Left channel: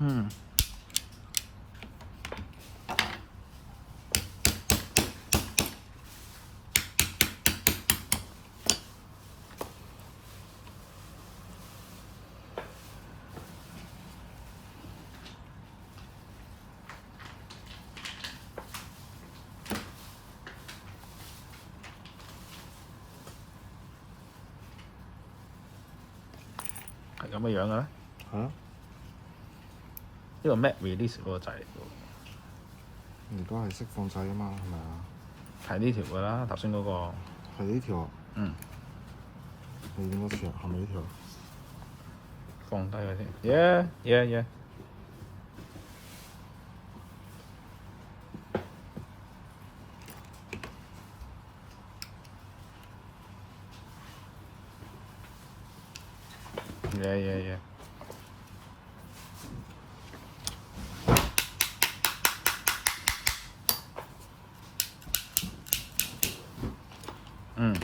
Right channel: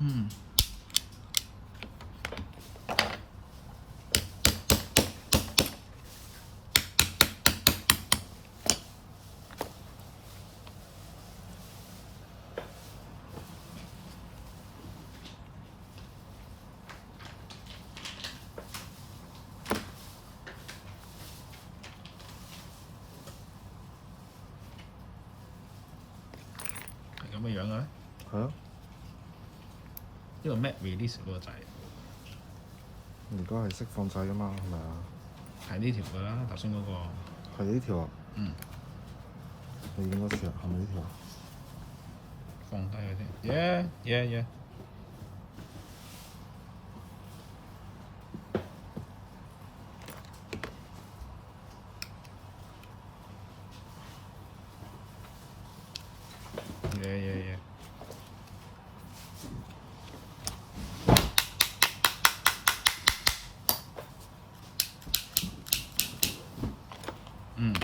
嗯。係咁嘅樣嘅咩？係啊，呢個 Mac Release 嗰個掣，而家係釋放掣啊嘛，係咪啊？係呢條㗎啦，頭先嗰個。係呢條啊？嗯。你應該條係咪呢條？放低佢先。Yeah yeah yeah。Yeah yeah yeah。嗯。